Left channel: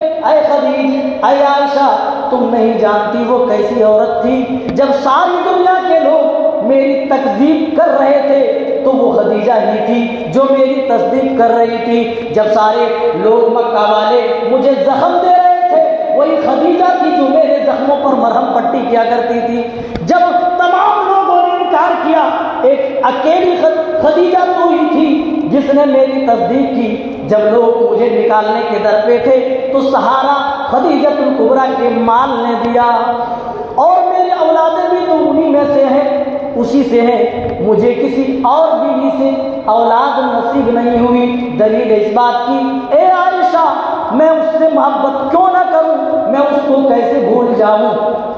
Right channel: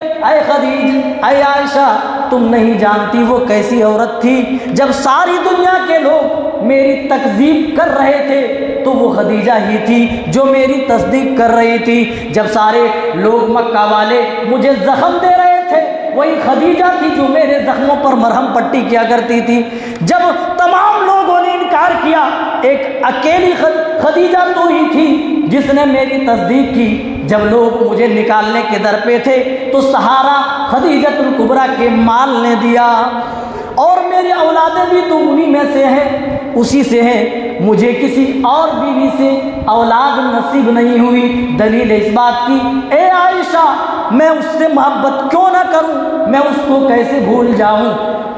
اے خدیجہ، اے عائشہ، تم نہیں جانتی وہ کیسی عورت تھی۔ جب ساری دنیا کے لوگ میری تکذیب کر رہے تھے تو وہ خدیجہ ہی تھی جو میری تصدیق کر رہی تھی۔ جب سارے لوگ مکہ والے مجھے زخم دے رہے تھے، وہی خدیجہ تھی جو میرے زخموں پر مرہم پٹی کیا کرتی تھی۔ جب تمام لوگوں نے انکار کیا، ایک اکیلی خدیجہ تو ہی تھی جس نے میری تصدیق کی۔ جب لوگ مجھے نکالنے کے در پہ تھے تو سہارا خدیجۃ الکبریٰ کے مال نے دیا، اور میری اولادیں بھی تو انہی میں سے ہیں، اسی سے ہیں۔ مجھے کسی اور بیوی سے اولاد نصیب نہیں ہوئی۔ دلیل اس بات کی، اے عائشہ، میں اس سے محبت کیوں نہ کروں، میں اس کو کیسے بھول جاؤں؟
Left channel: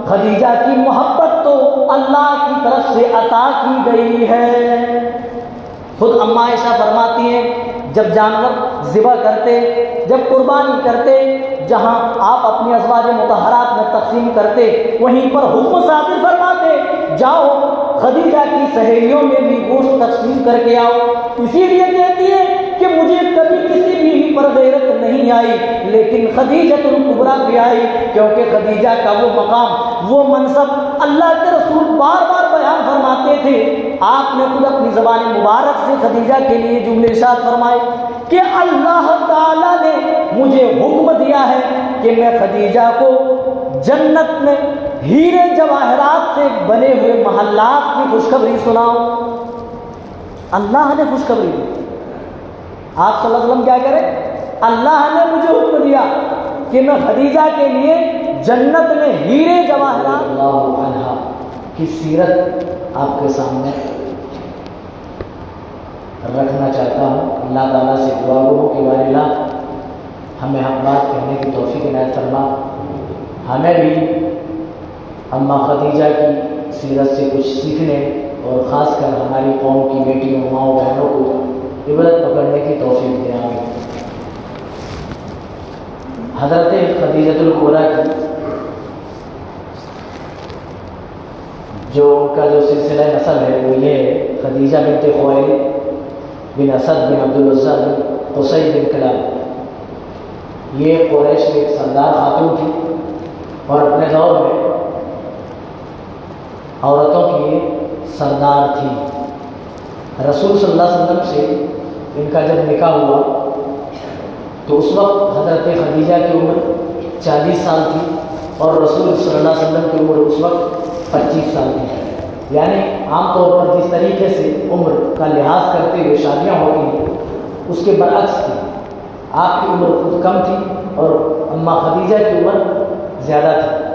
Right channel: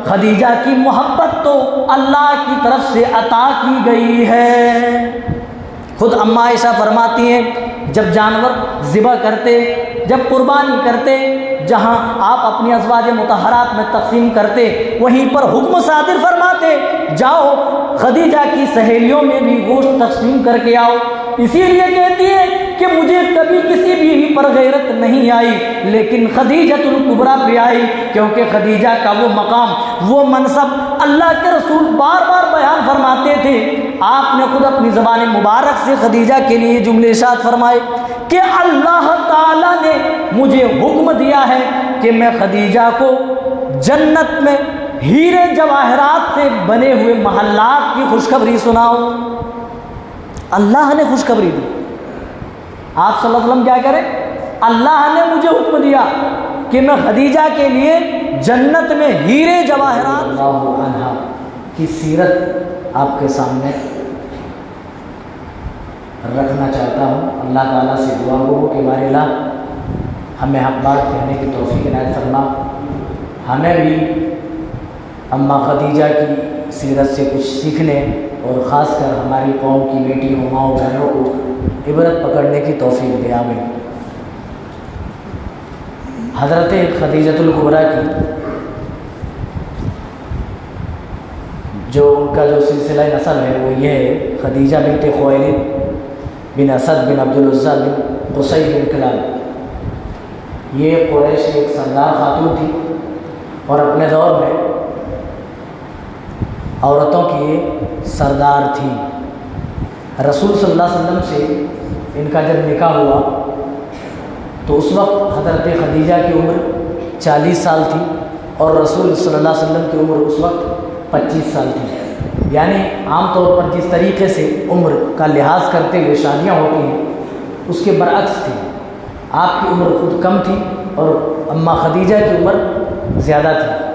خدیجہ کی محبت تو اللہ کی طرف سے عطا کی گئی ہے۔ خود اماں عائشہ فرماتی ہیں، جب جانور ذبح کرتے، جب قربانی کرتے، جہاں آپ اپنی ازواج مطہرات میں تقسیم کرتے، وہیں پر حکم صادر فرماتے، جاؤ خدیجہ کی سہیلیوں میں بھی گوشت تقسیم کر کے آؤ۔ اسی لیے کہتی ہے کہ مجھے کبھی کسی بیوی پر غیرت نہیں آئی، لیکن خدیجۃ الکبریٰ پہ آئی، کیونکہ خدیجہ کا وہ مقام، وہ منصب اللہ کے رسول بار بار بیان فرماتے تھے۔ آپ نے خود اپنی زبان مبارک سے خدیجہ کے لیے جملے ارشاد فرمائے کہ اللہ تعالیٰ نے مجھے حکم دیا ہے کہ میں خدیجہ کو جنت میں ہیرے جواہرات سے بنے ہوئے محلات کی خوشخبری سناؤں۔ اللہ نے خوشخبری دی۔ آپ صلی اللہ علیہ وسلم کیا کریں؟ اللہ نے مجھے حکم دیا کہ میں خدیجہ کے لیے جنت میں ہیرے جواہرات اللہ عنہ کی سیرت آپ کے سامنے رکھنا چاہتا ہوں۔ اللہ تعالیٰ سے دعا ہو کہ بار الہ ہمیں حق بات کہنے کی توفیق عنایت فرما، ہمیں بھی اماں خدیجہ کی سیرت سے کچھ سیکھنے اور خاص کر ہماری قوم کی بیٹیوں، ماؤں، بہنوں کو عبرت پکڑنے کی توفیق دے، آمین۔ حضرت خدیجۃ الکبریٰ کی جو ان کا جو سلسلہ نسب ہے وہ یہ ہے، خدیجہ بنت خویلد بن اسد بن عبد العزیٰ بن قصی بن کلاب۔ یہ قریش کی ایک سردار خاتون تھی اور اپنے دور میں عورتوں کی یہ سردار تھی۔ رسول صلی اللہ علیہ وسلم سے ان کا جب نکاح ہوا تو اس وقت حضرت خدیجہ کی عمر 40 سال تھی اور رسول صلی اللہ علیہ وسلم کی عمر اس وقت 25 سال تھی۔ یعنی عام طور پر جس طریقے سے عمر کا لحاظ کرتے ہوئے شادیاں ہوتی ہیں اس کے برعکس تھی۔ آپ کی عمر خود کم تھی اور اماں خدیجہ کی عمر زیادہ تھی۔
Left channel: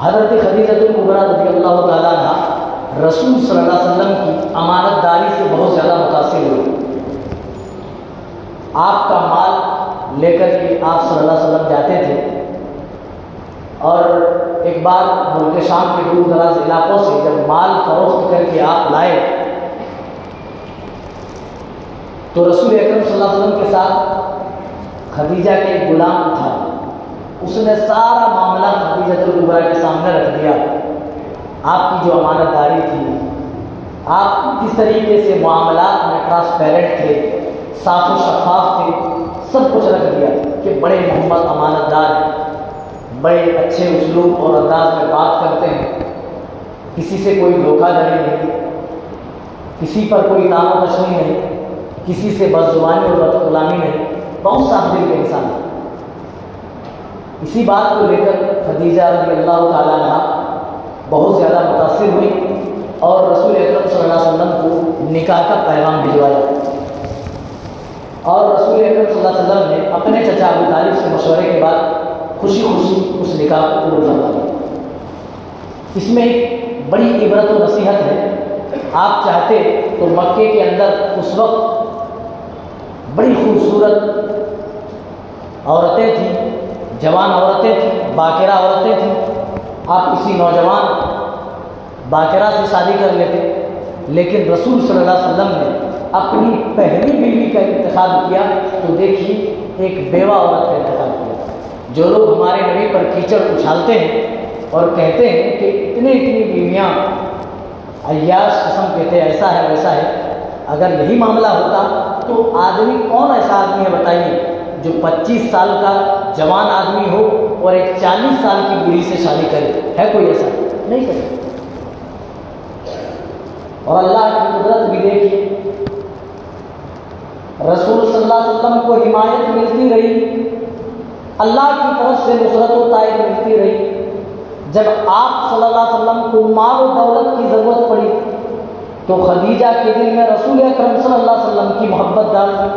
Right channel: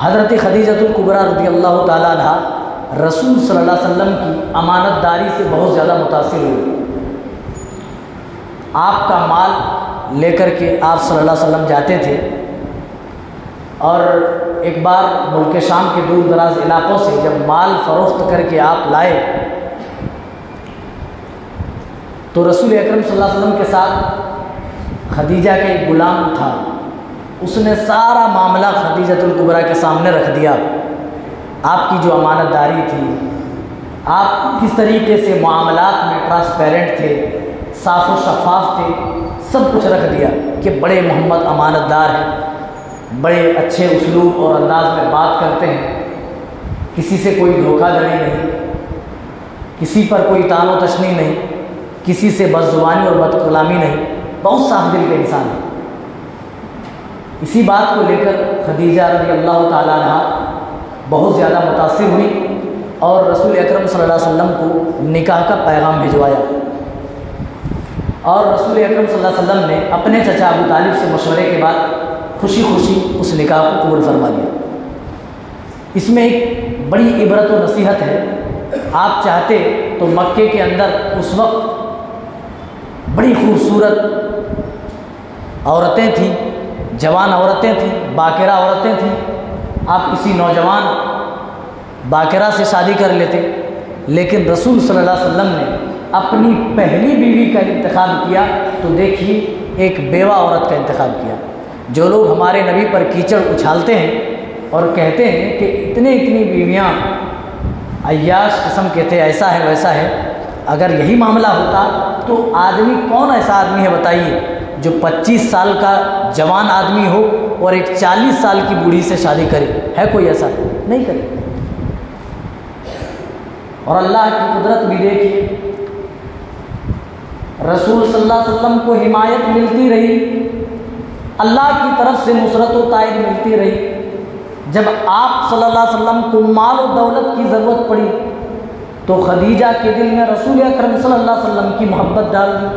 حضرت خدیجۃ الکبریٰ رضی اللہ تعالیٰ عنہ رسول صلی اللہ علیہ وسلم کی امانت داری سے بہت زیادہ متاثر ہوئی۔ آپ کا مال لے کر کے آپ صلی اللہ علیہ وسلم جاتے تھے، اور ایک بار ملک شام کے دور دراز علاقوں سے جب مال فروخت کر کے آپ لائے تو رسول اکرم صلی اللہ علیہ وسلم کے ساتھ خدیجہ کا ایک غلام تھا، اس نے سارا معاملہ خدیجۃ الکبریٰ کے سامنے رکھ دیا۔ آپ کی جو امانت داری تھی، آپ کس طریقے سے معاملات میں ٹرانسپیرنٹ تھے، صاف و شفاف تھے، سب کچھ رکھ دیا کہ بڑے محمد امانت دار ہیں، بڑے اچھے اسلوب اور انداز میں بات کرتے ہیں، کسی سے کوئی دھوکہ دھڑی نہیں، کسی پر کوئی تان و تشنی نہیں، کسی سے بد زبانی اور بد کلامی نہیں، بہت صاف دل کے انسان ہے۔ اسی بات کو لے کر خدیجہ رضی اللہ تعالیٰ عنہ بہت زیادہ متاثر ہوئی اور رسول اکرم صلی اللہ علیہ وسلم کو نکاح کا پیغام بھجوایا، اور رسول اکرم صلی اللہ علیہ وسلم نے اپنے چچا ابو طالب سے مشورے کے بعد خوشی خوشی اس نکاح کو قبول فرما لیا۔ اس میں ایک بڑی عبرت و نصیحت ہے۔ آپ چاہتے تو مکے کے اندر اس وقت بڑی خوبصورت عورتیں تھیں، جوان عورتیں تھیں، باکرہ عورتیں تھیں، آپ کسی نوجوان باکرہ سے شادی کر لیتے، لیکن رسول صلی اللہ علیہ وسلم نے اپنی پہلی بیوی کا انتخاب کیا تو دیکھیے ایک بیوہ عورت کا انتخاب کیا۔ جو لوگ ہمارے نبی پر کیچڑ اچھالتے ہیں اور کہتے ہیں کہ اتنی بیویاں، عیاش قسم کہتے ہیں ایسا ہے ویسا ہے، اگر یہی معاملہ ہوتا تو آدمی کون ایسا آدمی ہے بتائیے جو 25 سال کا جوان آدمی ہو اور ایک 40 سال کی بوڑھی سے شادی کرے؟ ہے کوئی ایسا؟ نہیں کرے۔ اور اللہ کی قدرت بھی دیکھیے، رسول صلی اللہ علیہ وسلم کو حمایت ملتی رہی، اللہ کی طرف سے نصرت و تائید ملتی رہی۔ جب آپ صلی اللہ علیہ وسلم کو مال و دولت کی ضرورت پڑی تو خدیجہ کے دل میں رسول اکرم صلی اللہ علیہ وسلم کی محبت ڈال دی۔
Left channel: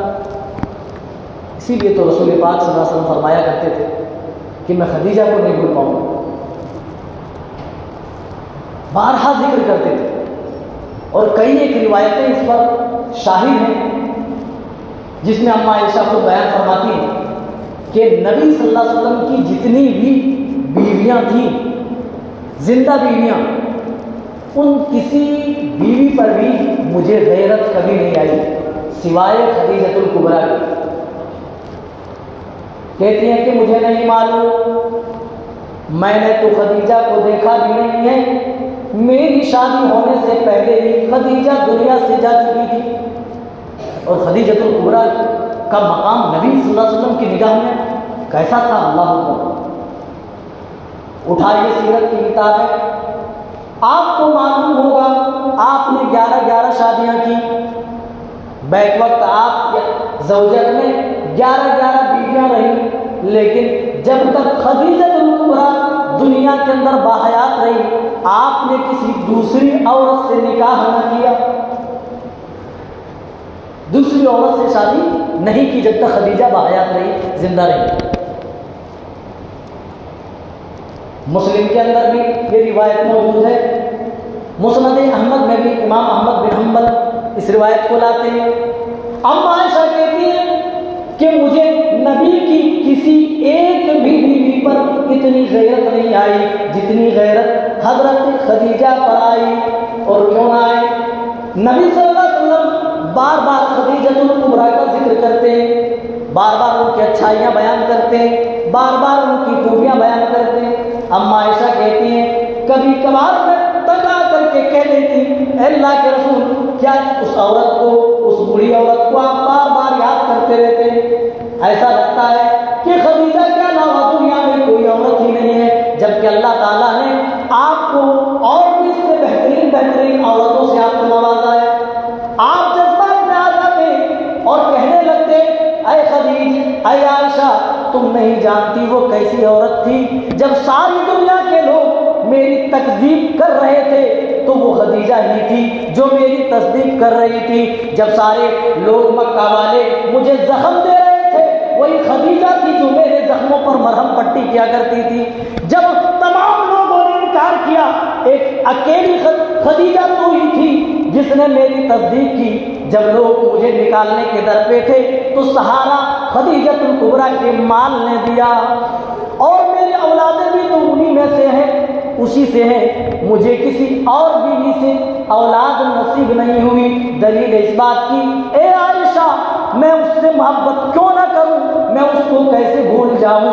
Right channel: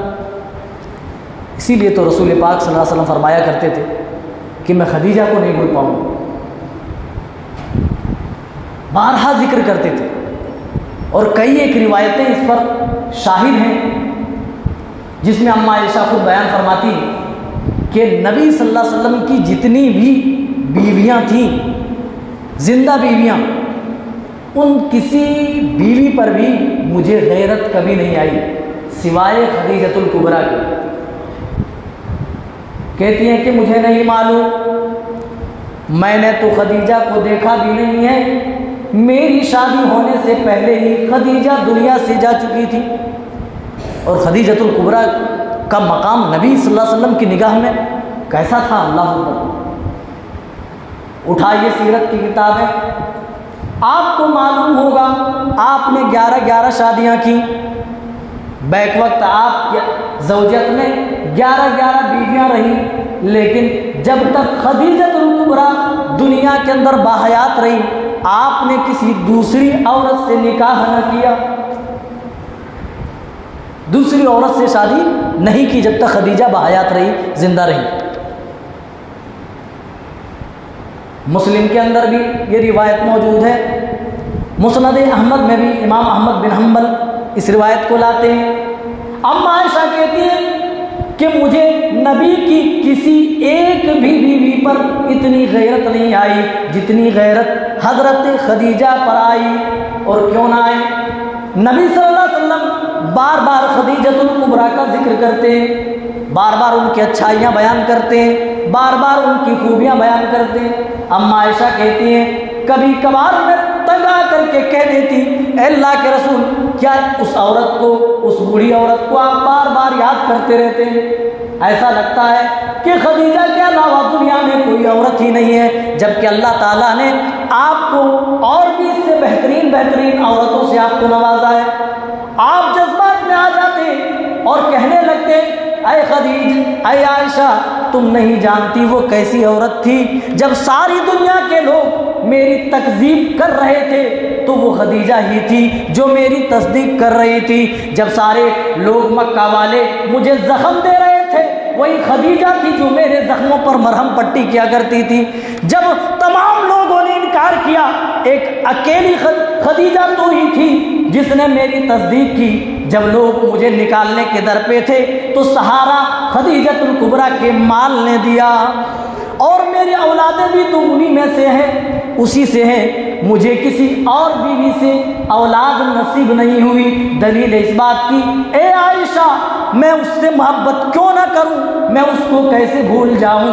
اسی لیے تو رسول پاک صلی اللہ علیہ وسلم فرمایا کرتے تھے کہ میں خدیجہ کو نہیں بھول پاؤں، بارہا ذکر کرتے تھے۔ اور کئی ایک روایتیں اس پر شاہد ہیں جس میں اماں عائشہ خود بیان فرماتی ہیں کہ نبی صلی اللہ علیہ وسلم کی جتنی بھی بیویاں تھیں، زندہ بیویاں، ان کسی بیوی پر بھی مجھے غیرت کبھی نہیں آئی سوائے خدیجۃ الکبریٰ کی۔ کہتی ہیں کہ مجھے نہیں معلوم، میں نے تو خدیجہ کو دیکھا بھی نہیں ہے، میری شادی ہونے سے پہلے ہی خدیجہ دنیا سے جا چکی تھی۔ اور خدیجۃ الکبریٰ کا مقام نبی صلی اللہ علیہ وسلم کی نگاہ میں کیسا تھا؟ اللہ اکبر۔ اٹھائیے سیرت کی کتابیں، آپ کو معلوم ہوگا آپ نے 11 شادیاں کی، بیک وقت آپ کے زوجیت میں 11 بیویاں رہیں، لیکن جب تک خدیجۃ الکبریٰ دنیا کے اندر باحیات رہی آپ نے کسی دوسری عورت سے نکاح نہ کیا، دوسری عورت سے شادی نہیں کی جب تک خدیجہ باحیات رہی، زندہ رہی۔ مسلم کے اندر بھی یہ روایت موجود ہے، مسند احمد میں بھی امام احمد بن حنبل اس روایت کو لاتے ہیں۔ اماں عائشہ کہتی ہے کہ مجھے نبی کی کسی ایک بھی بیوی پر اتنی غیرت نہیں آئی جتنی غیرت حضرت خدیجہ پر آئی۔ اور کیوں نہ آئے؟ نبی صلی اللہ علیہ وسلم بار بار خدیجۃ الکبریٰ کا ذکر کرتے ہیں، بار بار ان کی اچھائیاں بیان کرتے ہیں، بار بار ان کی خوبیاں بیان کرتے ہیں۔ اماں عائشہ کہتی ہیں کبھی کبھار میں تنگ آ کر کے کہہ دیتی اے اللہ کے رسول، کیا اس عورت کو، اس بوڑھی عورت کو آپ بار بار یاد کرتے رہتے ہیں؟ ایسا لگتا ہے کہ خدیجہ کے علاوہ دنیا میں کوئی عورت ہی نہیں ہے، جبکہ اللہ تعالیٰ نے آپ کو اور بھی اس سے بہترین عورتوں سے آپ کو نوازا ہے۔ آپ جذبات میں آ جاتے اور کہنے لگتے اے خدیجہ، اے عائشہ، تم نہیں جانتی وہ کیسی عورت تھی، جب ساری دنیا کے لوگ میری تکذیب کر رہے تھے تو وہ خدیجہ ہی تھی جو میری تصدیق کر رہی تھی، جب سارے لوگ مکہ والے مجھے زخم دے رہے تھے وہی خدیجہ تھی جو میرے زخموں پر مرہم پٹی کیا کرتی تھی، جب تمام لوگوں نے انکار کیا ایک اکیلی خدیجہ تو ہی تھی جس نے میری تصدیق کی، جب لوگ مجھے نکالنے کے در پہ تھے تو سہارا خدیجۃ الکبریٰ کے مال نے دیا، اور میری اولادیں بھی تو انہی میں سے ہیں، اسی سے ہیں، مجھے کسی اور بیوی سے اولاد نصیب نہیں ہوئی۔ دلیل اس بات کی اے عائشہ میں اس سے محبت کیوں نہ کروں، میں اس کو کیسے بھول جاؤں؟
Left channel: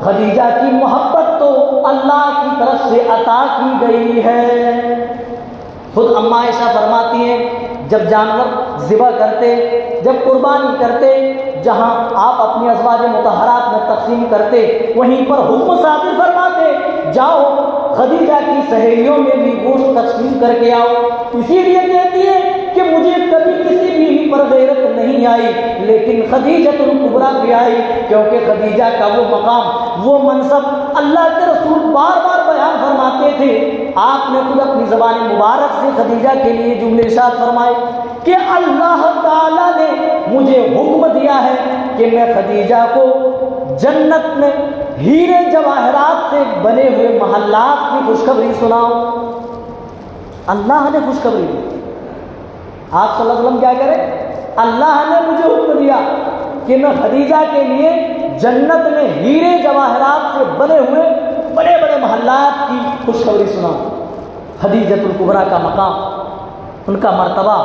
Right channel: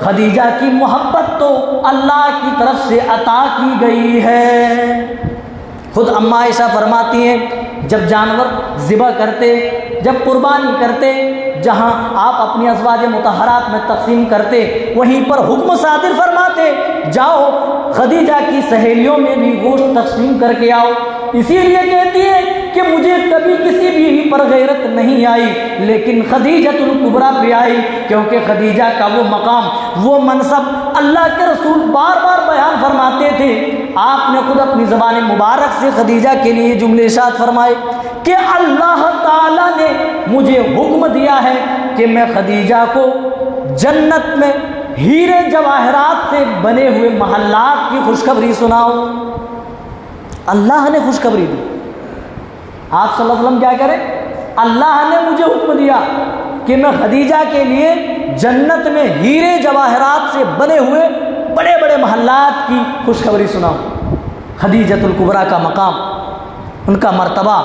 خدیجہ کی محبت تو اللہ کی طرف سے عطا کی گئی ہے۔ خود اماں عائشہ فرماتی ہیں جب جانور ذبح کرتے، جب قربانی کرتے، جہاں آپ اپنی ازواج مطہرات میں تقسیم کرتے وہیں پر حکم صادر فرماتے جاؤ خدیجہ کی سہیلیوں میں بھی گوشت تقسیم کر کے آؤ۔ اسی لیے کہتی ہے کہ مجھے کبھی کسی بیوی پر غیرت نہیں آئی لیکن خدیجۃ الکبریٰ بھی آئی، کیونکہ خدیجہ کا وہ مقام، وہ منصب اللہ کے رسول بار بار بیان فرماتے تھے۔ آپ نے خود اپنی زبان مبارک سے خدیجہ کے لیے جملے ارشاد فرمائے کہ اللہ تعالیٰ نے مجھے حکم دیا ہے کہ میں خدیجہ کو جنت میں ہیرے جواہرات سے بنے ہوئے محلات کی خوشخبری سناؤں۔ اللہ نے خوشخبری دی، آپ صلی اللہ علیہ وسلم کیا کریں؟ اللہ نے مجھے حکم دیا کہ میں خدیجہ کے لیے جنت میں ہیرے جواہرات سے بنے ہوئے بڑے بڑے محلات کی خوشخبری سناؤں۔ خدیجۃ الکبریٰ کا مقام، ان کا مرتبہ،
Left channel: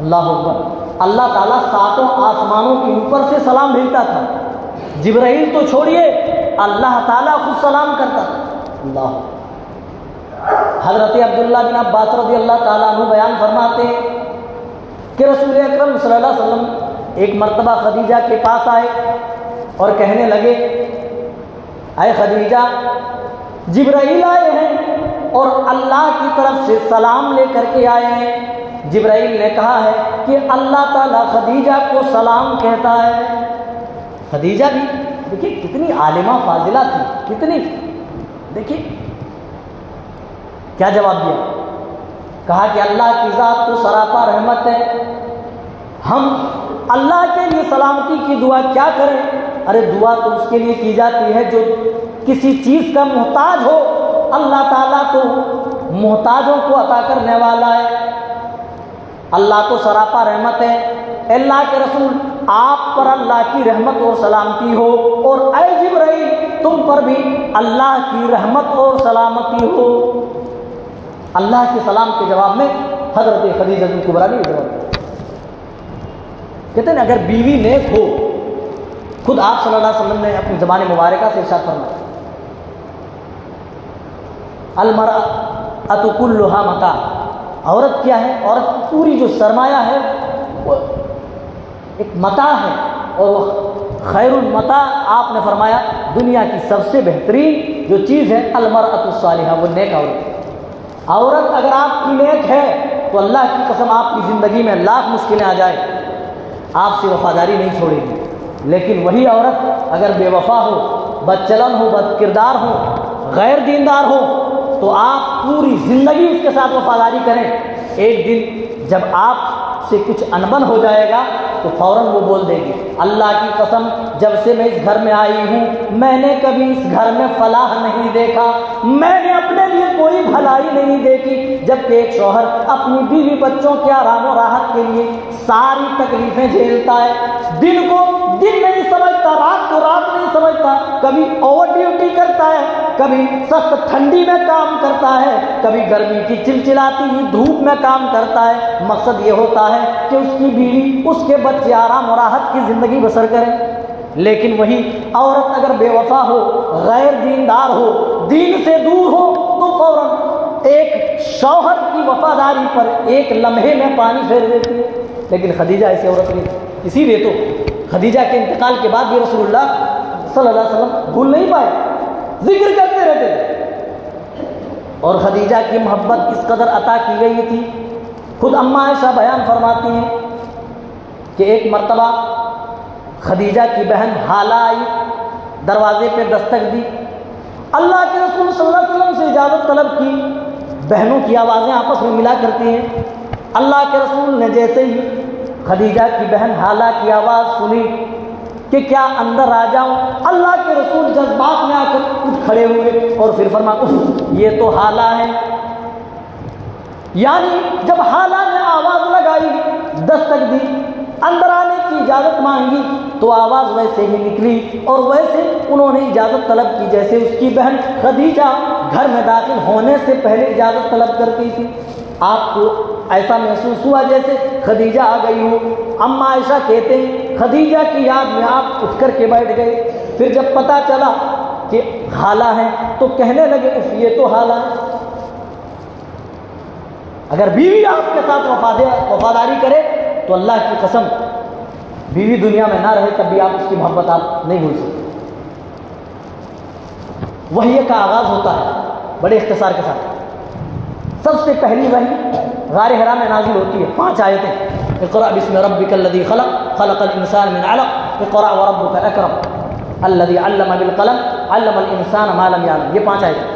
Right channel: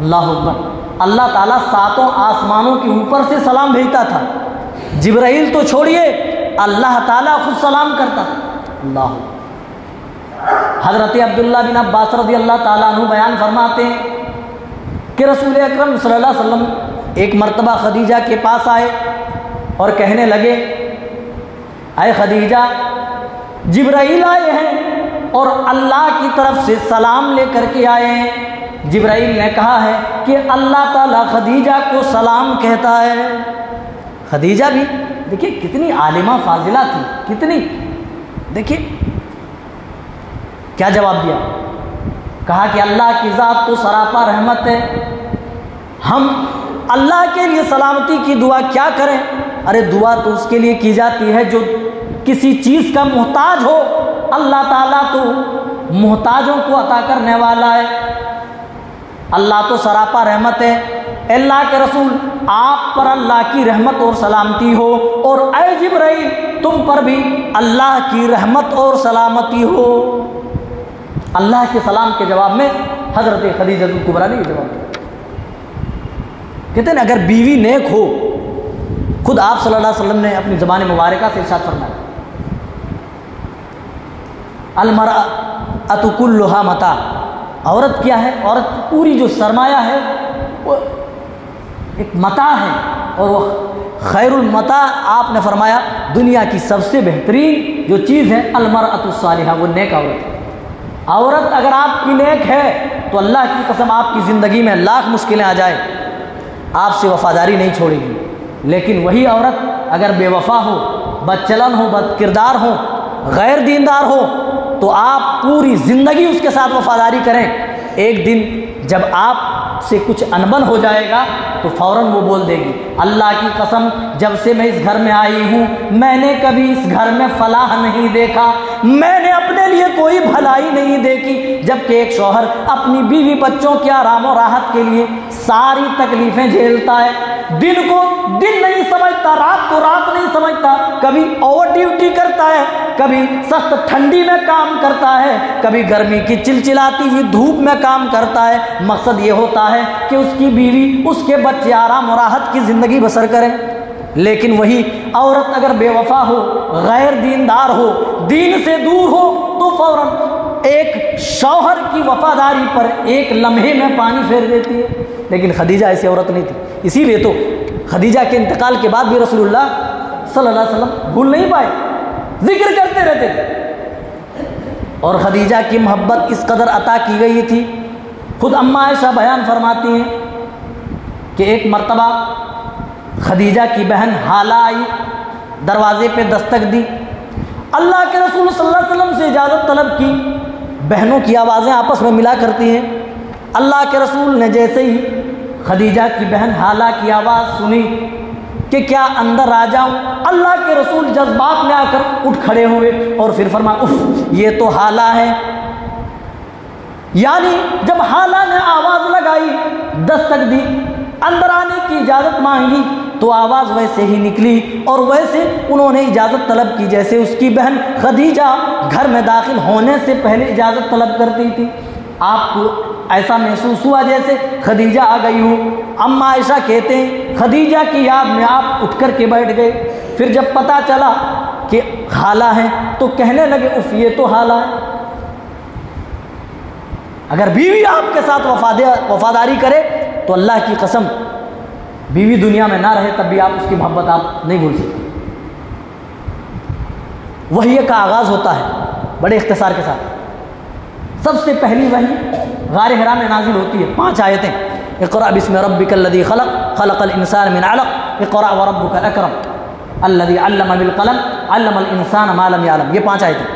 اللہ اکبر۔ اللہ تعالیٰ 7 آسمانوں کے اوپر سے سلام بھیجتا تھا، جبرائیل تو چھوڑیے اللہ تعالیٰ خود سلام کرتا تھا۔ اللہ، حضرت عبداللہ بن عباس رضی اللہ تعالیٰ عنہ بیان فرماتے ہیں کہ رسول اکرم صلی اللہ علیہ وسلم ایک مرتبہ خدیجہ کے پاس آئے اور کہنے لگے اے خدیجہ جبرائیل آئے ہیں اور اللہ کی طرف سے سلام لے کر کے آئے ہیں۔ جبرائیل نے کہا ہے کہ اللہ تعالیٰ خدیجہ کو سلام کہتا ہے۔ خدیجہ بھی دیکھیے کتنی عالمہ فاضلہ تھی، کتنی، دیکھیے کیا جواب دیا، کہا کہ اللہ کی ذات تو سراپا رحمت ہے، ہم اللہ کے لیے سلامتی کی دعا کیا کریں؟ ارے دعا تو اس کے لیے کی جاتی ہے جو کسی چیز کا محتاج ہو، اللہ تعالیٰ تو محتاجوں کو عطا کرنے والا ہے، اللہ تو سراپا رحمت ہے۔ اللہ کے رسول آپ پر اللہ کی رحمت اور سلامتی ہو، اور اے جبرائیل تم پر بھی اللہ کی رحمت اور سلامتی ہو۔ اللہ کے سلام کے جواب میں حضرت خدیجہ کبریٰ نے یہ جواب دیا۔ کہتے ہیں اگر بیوی نیک ہو، خود آپ صلی اللہ علیہ وسلم نے اپنی زبان مبارکہ سے ارشاد فرمایا المرأۃ کلھا متاع، عورت کیا ہے؟ عورت پوری جو سرمایہ ہے وہ ایک متاع ہے، اور خیر المتاع آپ نے فرمایا دنیا کی سب سے بہترین جو چیز ہے المرأۃ الصالحہ، وہ نیک عورت ہے۔ عورت اگر آپ کی نیک ہے تو اللہ کی قسم آپ کی زندگی میں لاکھ مشکلیں آ جائیں آپ سے وفاداری نہیں چھوڑے گی، لیکن وہی عورت اگر بے وفا ہو، بد چلن ہو، بد کردار ہو، غیر دیندار ہو تو آپ پوری زندگی اس کے ساتھ وفاداری کریں، ایک دن جب آپ سے کچھ انبن ہو جائے گا تو فوراً وہ بول دے گی اللہ کی قسم جب سے میں اس گھر میں آئی ہوں میں نے کبھی اس گھر میں فلاح نہیں دیکھا، میں نے اپنے لیے کوئی بھلائی نہیں دیکھی، جبکہ ایک شوہر اپنی بیوی بچوں کے آرام و راحت کے لیے ساری تکلیفیں جھیلتا ہے، دن کو دن نہیں سمجھتا، رات کو رات نہیں سمجھتا، کبھی اوور ڈیوٹی کرتا ہے، کبھی سخت ٹھنڈی میں کام کرتا ہے، کبھی گرمی کی چلچلاتی ہوئی دھوپ میں کام کرتا ہے، مقصد یہ ہوتا ہے کہ اس کی بیوی اس کے بچے آرام و راحت کی زندگی بسر کریں۔ لیکن وہی عورت اگر بے وفا ہو، غیر دیندار ہو، دین سے دور ہو تو فوراً ایک شوہر کی وفاداری پر ایک لمحے میں پانی پھیر دیتی ہے، لیکن خدیجہ ایسی عورت نہیں تھی۔ اسی لیے تو خدیجہ کے انتقال کے بعد بھی رسول اللہ صلی اللہ علیہ وسلم بھول نہیں پائے، ذکر کرتے رہتے تھے، اور خدیجہ کی محبت اس قدر عطا کی گئی تھی۔ خود اماں عائشہ بیان فرماتی ہیں کہ ایک مرتبہ خدیجہ کی بہن حالہ آئی، دروازے پہ دستک دی، اللہ کے رسول صلی اللہ علیہ وسلم سے اجازت طلب کی، بہنوں کی آوازیں آپس میں ملا کرتی ہیں، اللہ کے رسول نے جیسے ہی خدیجہ کی بہن حالہ کی آواز سنی کہ کیا اندر آ جاؤ، اللہ کے رسول جذبات میں آ کر اٹھ کھڑے ہوئے اور پھر فرمایا اف یہ تو حالہ ہے، یعنی جب حالہ نے آواز لگائی، دستک دی، اندر آنے کی اجازت مانگی تو آواز ویسے ہی نکلی اور ویسے انہوں نے اجازت طلب کی جیسے اس کی بہن خدیجہ گھر میں داخل ہونے سے پہلے اجازت طلب کرتی تھی۔ آپ کو ایسا محسوس ہوا جیسے خدیجہ آ گئی ہو۔ اماں عائشہ کہتے ہیں خدیجہ کی یاد میں آپ اٹھ کر کے بیٹھ گئے، پھر جب پتہ چلا کہ حالہ ہے تو کہنے لگے اف یہ تو حالہ ہے۔ اگر بیوی آپ کے ساتھ وفاداری کرے تو اللہ کی قسم بیوی دنیا میں نہ رہے تب بھی آپ اس کی محبت آپ نہیں بھول سکتے۔ وحی کا آغاز ہوتا ہے بڑے اختصار کے ساتھ۔ سب سے پہلی وحی غار حرا میں نازل ہوتی ہے، 5 آیتیں، اقرأ بسم ربک الذی خلق، خلق الانسان من علق، اقرأ وربک الاکرم الذی علم بالقلم، علم الانسان ما لم یعلم، یہ 5 آیتیں۔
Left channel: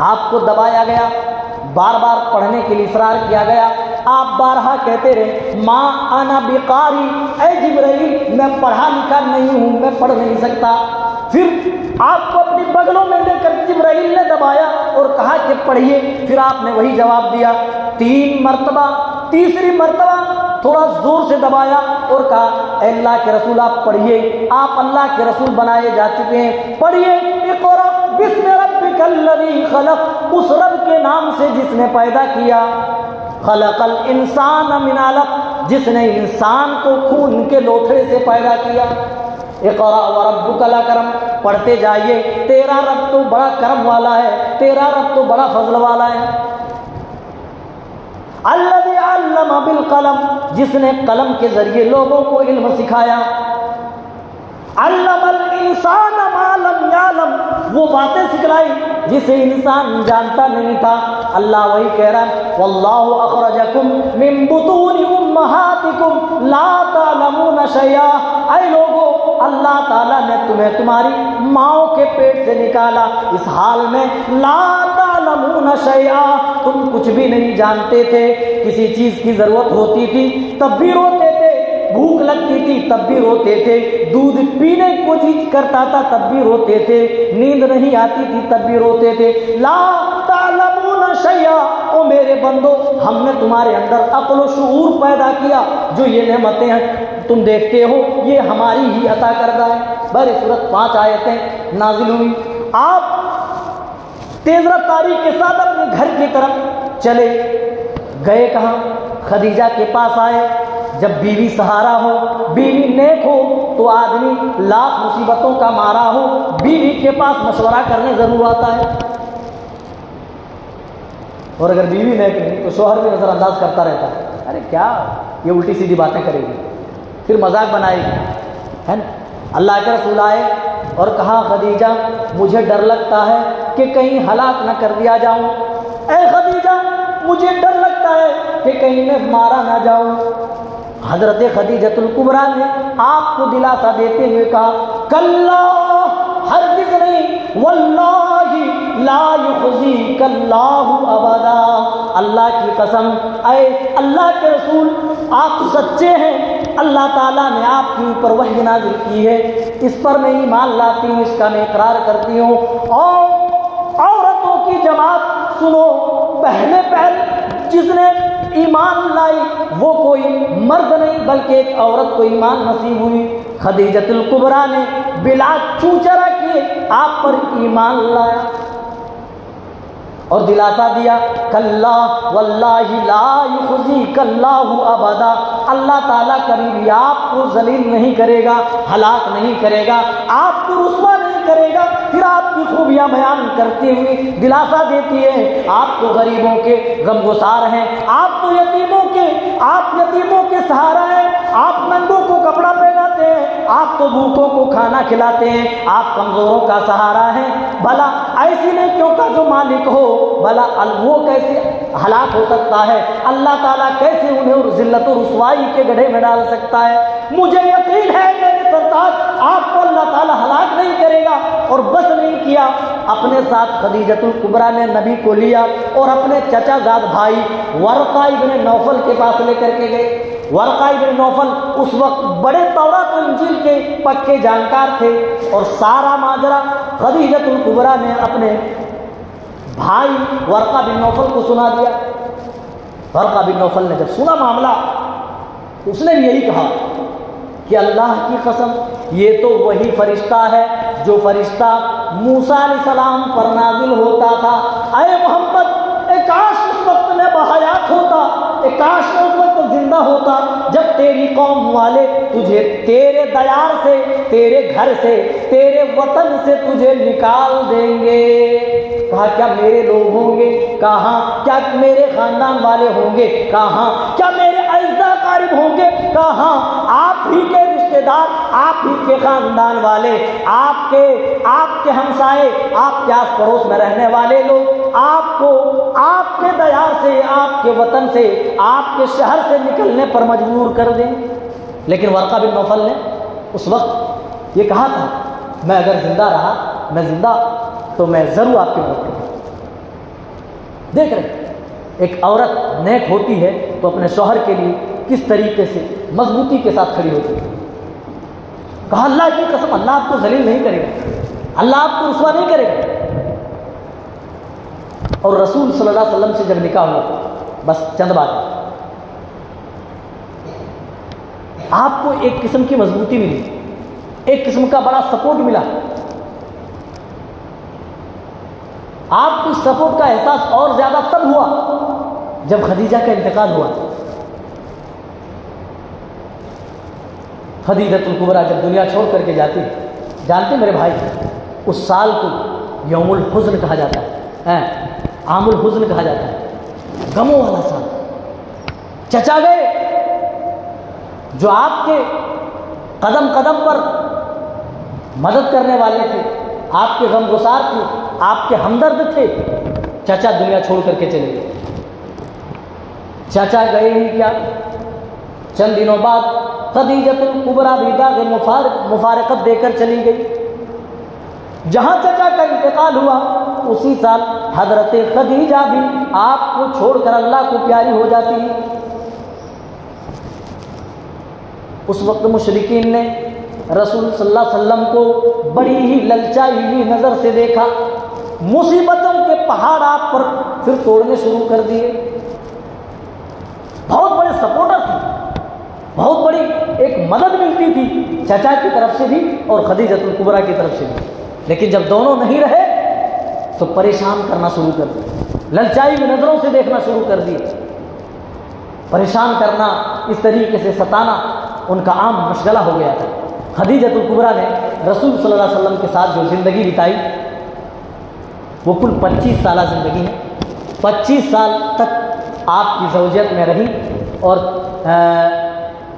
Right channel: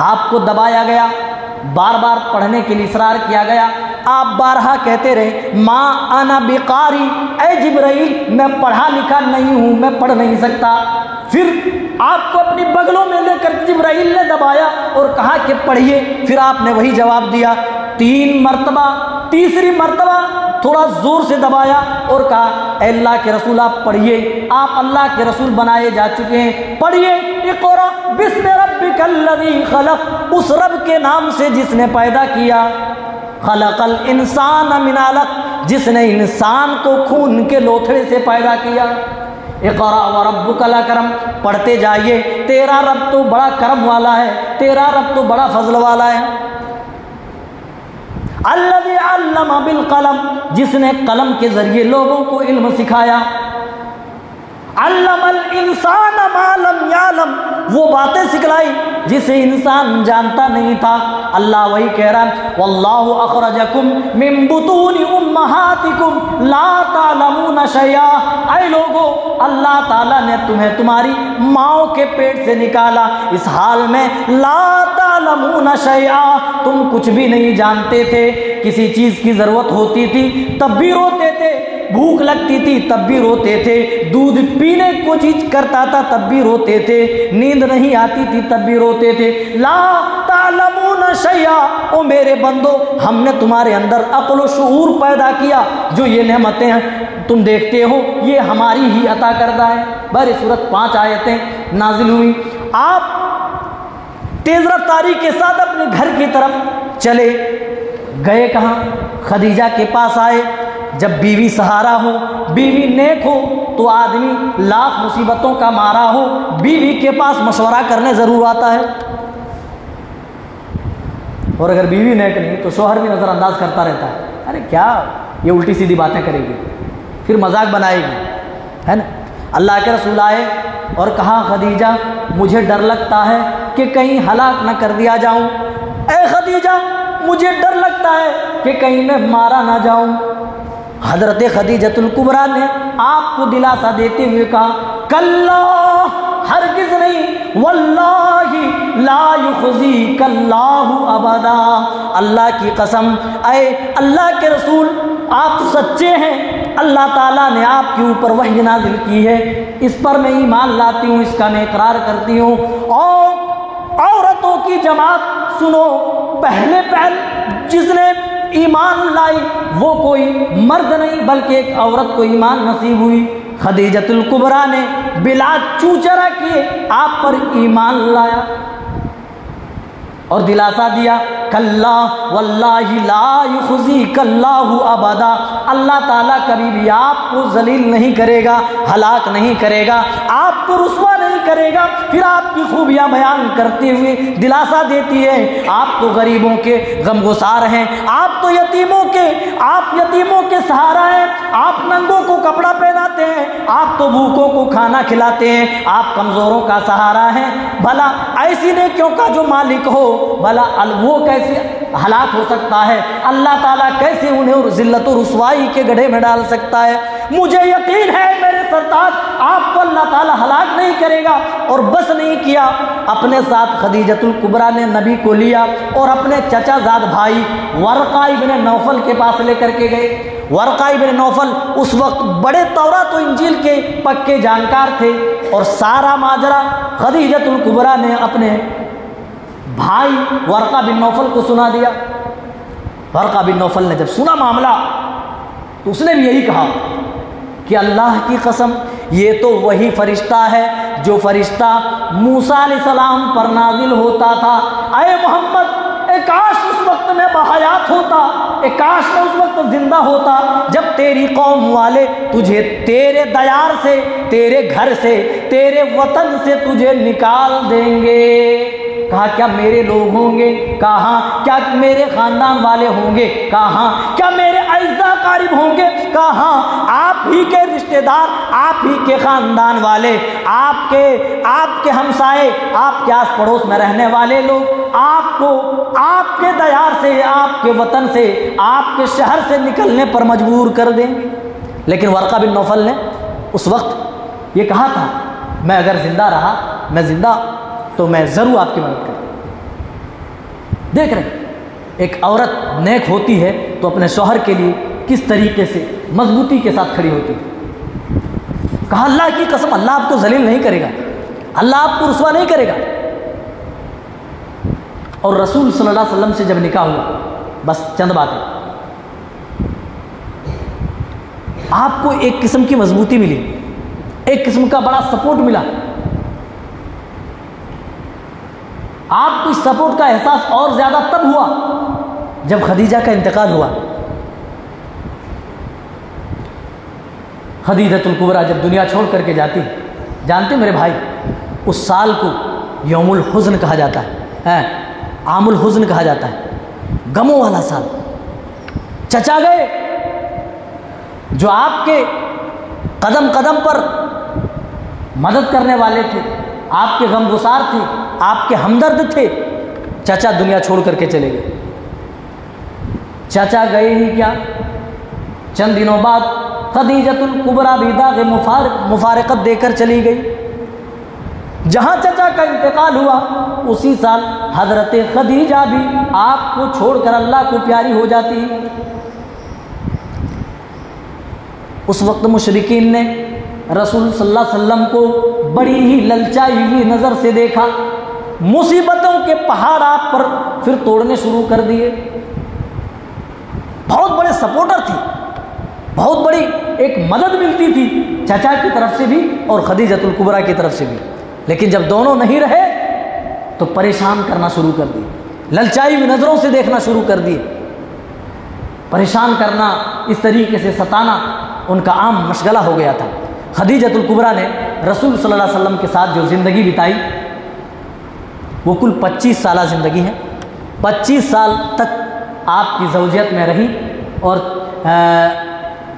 آپ کو دبایا گیا، بار بار پڑھنے کے لیے اصرار کیا گیا، آپ بارہا کہتے رہے ما انا بقاری، اے جبرائیل میں پڑھا لکھا نہیں ہوں، میں پڑھ نہیں سکتا۔ پھر آپ کو اپنی بغلوں میں لے کر جبرائیل نے دبایا اور کہا کہ پڑھیے، پھر آپ نے وہی جواب دیا 3 مرتبہ، تیسری مرتبہ تھوڑا زور سے دبایا اور کہا اے اللہ کے رسول آپ پڑھیے، آپ اللہ کے رسول بنائے جا چکے ہیں، پڑھیے اقرأ بسم ربک الذی خلق، اس رب کے نام سے جس نے پیدا کیا، خلق الانسان من علق، جس نے انسان کو خون کے لوتھڑے سے پیدا کیا، اقرأ وربک الاکرم، پڑھتے جائیے، تیرا رب تو بڑا کرم والا ہے، تیرا رب تو بڑا فضل والا ہے، الذی علم علم بالقلم، جس نے قلم کے ذریعے لوگوں کو علم سکھایا. علم الانسان ما لم یعلم، وہ باتیں سکھلائی جسے انسان جانتا نہیں تھا. اللہ وہی کہہ رہا ہے واللہ اخرجکم من بطون امہاتکم لا تعلمون شیئا. اے لوگو، اللہ تعالیٰ نے تمہیں تمہاری ماؤں کے پیٹ سے نکالا اس حال میں لا تعلمون شیئا، تم کچھ بھی نہیں جانتے تھے. کسی چیز کی ضرورت ہوتی تھی تب بھی روتے تھے، بھوک لگتی تھی تب بھی روتے تھے، دودھ پینے کو چیز کرتا تھا تب بھی روتے تھے، نیند نہیں آتی تھی تب بھی روتے تھے. لا تعلمون شیئا، او میرے بندو، ہم نے تمہارے اندر عقل و شعور پیدا کیا. جو یہ نعمتیں تم دیکھتے ہو یہ ہماری ہی عطا کردہ ہے. بہر صورت 5 آیتیں نازل ہوئی. آپ تیز رفتاری کے ساتھ اپنے گھر کی طرف چلے گئے. کہاں؟ خدیجہ کے پاس آئے. جب بیوی سہارا ہو، بیوی نیک ہو تو آدمی لاکھ مصیبتوں کا مارا ہو بیوی کے پاس مشورہ کرنے ضرور آتا ہے. اور اگر بیوی نیک نہیں تو شوہر بھی نظر انداز کرتا رہتا ہے. ارے کیا یہ الٹی سیدھی باتیں کرے گی، پھر مذاق بنائے گی، ہے نا. اللہ کے رسول آئے اور کہا خدیجہ مجھے ڈر لگتا ہے کہ کہیں ہلاک نہ کر دیا جاؤں. اے خدیجہ مجھے ڈر لگتا ہے کہ کہیں میں مارا نہ جاؤں. حضرت خدیجۃ الکبریٰ نے آپ کو دلاسا دیتے ہوئے کہا کلا، ہرگز نہیں، واللہ لا یخزیک اللہ ابدا، اللہ کی قسم اے اللہ کے رسول آپ تو سچے ہیں، اللہ تعالیٰ نے آپ کے اوپر وحی نازل کی ہے، اس پر میں ایمان لاتی ہوں، اس کا میں اقرار کرتی ہوں. اور عورتوں کی جماعت سنو، پہلے جس نے ایمان لائی وہ کوئی مرد نہیں بلکہ ایک عورت کو ایمان نصیب ہوئی. خدیجۃ الکبریٰ نے بلا چوچرا کیے آپ پر ایمان لایا اور دلاسا دیا کلا واللہ لا یخزیک اللہ ابدا، اللہ تعالیٰ کبھی بھی آپ کو ذلیل نہیں کرے گا، ہلاک نہیں کرے گا، آپ کو رسوا نہیں کرے گا. پھر آپ کی خوبیاں بیان کرتے ہوئے دلاسا دیتی ہے آپ تو غریبوں کے غمگسار ہیں، آپ تو یتیموں کے سہارا ہیں، آپ ننگوں کو کپڑا پہناتے ہیں، آپ تو بھوکوں کو کھانا کھلاتے ہیں، آپ کمزوروں کا سہارا ہیں. بھلا ایسی نیکیوں کا جو مالک ہو، بھلا وہ کیسے ہلاک ہو سکتا ہے؟ اللہ تعالیٰ کیسے انہیں ذلت و رسوائی کے گڑھے میں ڈال سکتا ہے؟ مجھے یقین ہے میرے سرتاج آپ کو اللہ تعالیٰ ہلاک نہیں کرے گا. اور بس نہیں کیا، اپنے ساتھ خدیجۃ الکبریٰ نے نبی کو لیا اور اپنے چچا زاد بھائی ورقہ ابن نوفل کے پاس لے کر کے گئے. ورقہ ابن نوفل اس وقت بڑے تورات و انجیل کے پکے جانکار تھے اور سارا ماجرا خدیجۃ الکبریٰ نے اپنے بھائی ورقہ بن نوفل کو سنا دیا. ورقہ بن نوفل نے جب سنا معاملہ تو اس نے بھی یہی کہا کہ اللہ کی قسم یہ تو وہی فرشتہ ہے جو فرشتہ موسیٰ علیہ السلام پر نازل ہوتا تھا. اے محمد، اے کاش اس وقت میں بحیات ہوتا، اے کاش میں اس وقت زندہ ہوتا جب تیری قوم والے تجھے تیرے دیار سے، تیرے گھر سے، تیرے وطن سے تجھے نکال دیں گے. کہا کیا میرے لوگ ہوں گے؟ کہاں. کیا میرے خاندان والے ہوں گے؟ کہاں. کیا میرے اعزاء قارب ہوں گے؟ کہاں. آپ ہی کے رشتہ دار، آپ ہی کے خاندان والے، آپ کے ہمسائے، آپ کے آس پڑوس میں رہنے والے لوگ آپ کو آپ کے دیار سے، آپ کے وطن سے، آپ کے شہر سے نکلنے پر مجبور کر دیں. لیکن ورقہ بن نوفل نے اس وقت یہ کہا تھا میں اگر زندہ رہا، میں زندہ تو میں ضرور آپ کی مدد کروں. دیکھ رہے ایک عورت نیک ہوتی ہے تو اپنے شوہر کے لیے کس طریقے سے مضبوطی کے ساتھ کھڑی ہوتی ہے. کہا اللہ کی قسم اللہ آپ کو ذلیل نہیں کرے گا، اللہ آپ کو رسوا نہیں کرے گا. اور رسول صلی اللہ علیہ وسلم سے جب نکاح ہوا، بس چند باتیں، آپ کو ایک قسم کی مضبوطی ملی، ایک قسم کا بڑا سپورٹ ملا. آپ کو اس سپورٹ کا احساس اور زیادہ تب ہوا جب خدیجہ کا انتقال ہوا. خدیجۃ الکبریٰ جب دنیا چھوڑ کر کے جاتی، جانتے میرے بھائی اس سال کو یوم الحزن کہا جاتا ہے، عام الحزن کہا جاتا ہے، غموں والا سال. چچا گئے جو آپ کے قدم قدم پر مدد کرنے والے تھے، آپ کے غم گسار تھے، آپ کے ہمدرد تھے، چچا دنیا چھوڑ کر کے چلے گئے۔ چچا گئے ہی کیا، چند دنوں بعد خدیجۃ الکبریٰ بھی داغ مفارقت دے کر چلی گئی۔ جہاں چچا کا انتقال ہوا اسی سال حضرت خدیجہ بھی آپ کو چھوڑ کر اللہ کو پیاری ہو جاتی ہیں۔ اس وقت مشرکین نے رسول صلی اللہ علیہ وسلم کو بڑی ہی للچائی ہوئی نظر سے دیکھا، مصیبتوں کے پہاڑ آپ پر پھر توڑنے شروع کر دیے۔ بہت بڑے سپورٹر تھی، بہت بڑی ایک مدد ملتی تھی چچا کی طرف سے بھی اور خدیجۃ الکبریٰ کی طرف سے بھی، لیکن جب دونوں نہیں رہے تو پریشان کرنا شروع کر دیے، للچائی ہوئی نظروں سے دیکھنا شروع کر دیے، پریشان کرنا، اس طریقے سے ستانا ان کا عام مشغلہ ہو گیا تھا۔ خدیجۃ الکبریٰ نے رسول صلی اللہ علیہ وسلم کے ساتھ جو زندگی بتائی وہ کل 25 سالہ زندگی ہے۔ 25 سال تک آپ کی زوجیت میں رہی اور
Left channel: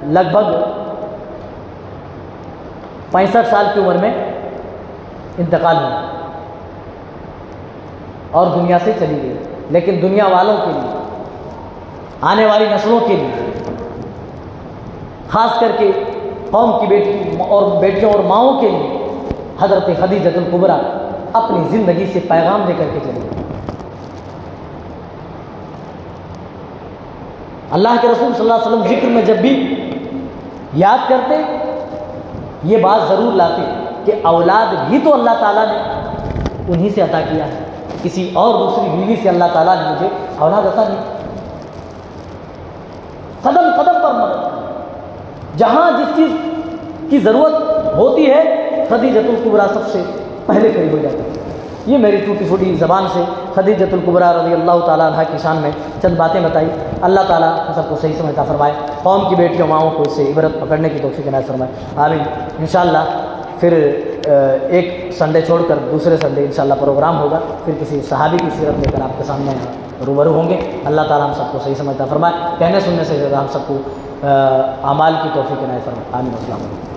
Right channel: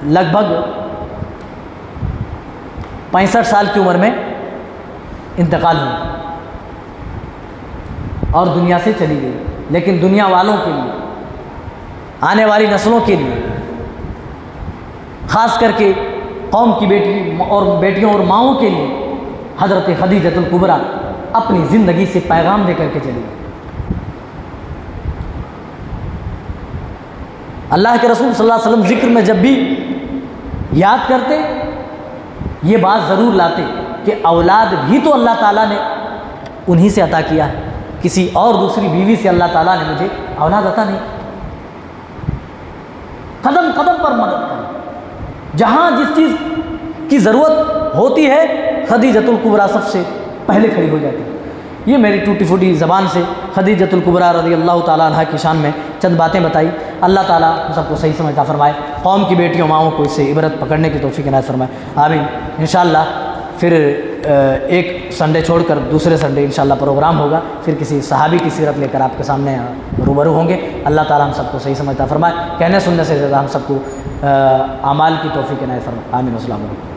لگ بھگ 65 سال کی عمر میں انتقال ہوا اور دنیا سے چلی گئی۔ لیکن دنیا والوں کے لیے، آنے والی نسلوں کے لیے، خاص کر کے قوم کی بیٹیوں اور ماؤں کے لیے حضرت خدیجۃ الکبریٰ اپنی زندگی سے پیغام دے کر کے چلی گئی۔ اللہ کے رسول صلی اللہ علیہ وسلم ذکر میں جب بھی یاد کرتے یہ بات ضرور لاتے کہ اولاد بھی تو اللہ تعالیٰ نے انہی سے عطا کیا ہے، کسی اور دوسری بیوی سے اللہ تعالیٰ نے مجھے اولاد عطا نہیں۔ قدم قدم پر مدد کریں، جہاں جس چیز کی ضرورت ہوتی ہے خدیجۃ الکبریٰ سب سے پہلے کھڑی ہو جاتی ہے۔ یہ میری ٹوٹی پھوٹی زبان سے خدیجۃ الکبریٰ رضی اللہ تعالیٰ عنہا کی شان میں چند باتیں بتائی۔ اللہ تعالیٰ ہم سب کو صحیح سمجھ عطا فرمائے، قوم کی بیٹیوں ماؤں کو اس سے عبرت پکڑنے کی توفیق عنایت فرمائے، آمین۔ انشاءاللہ پھر ایک سنڈے چھوڑ کر دوسرے سنڈے انشاءاللہ پروگرام ہوگا، پھر کسی صحابی کی سیرت لے کر آپ کے سامنے روبرو ہوں گے۔ اللہ تعالیٰ ہم سب کو صحیح سمجھ عطا فرمائے، کہنے سننے سے زیادہ ہم سب کو اعمال کی توفیق عنایت فرمائے، آمین۔ السلام علیکم۔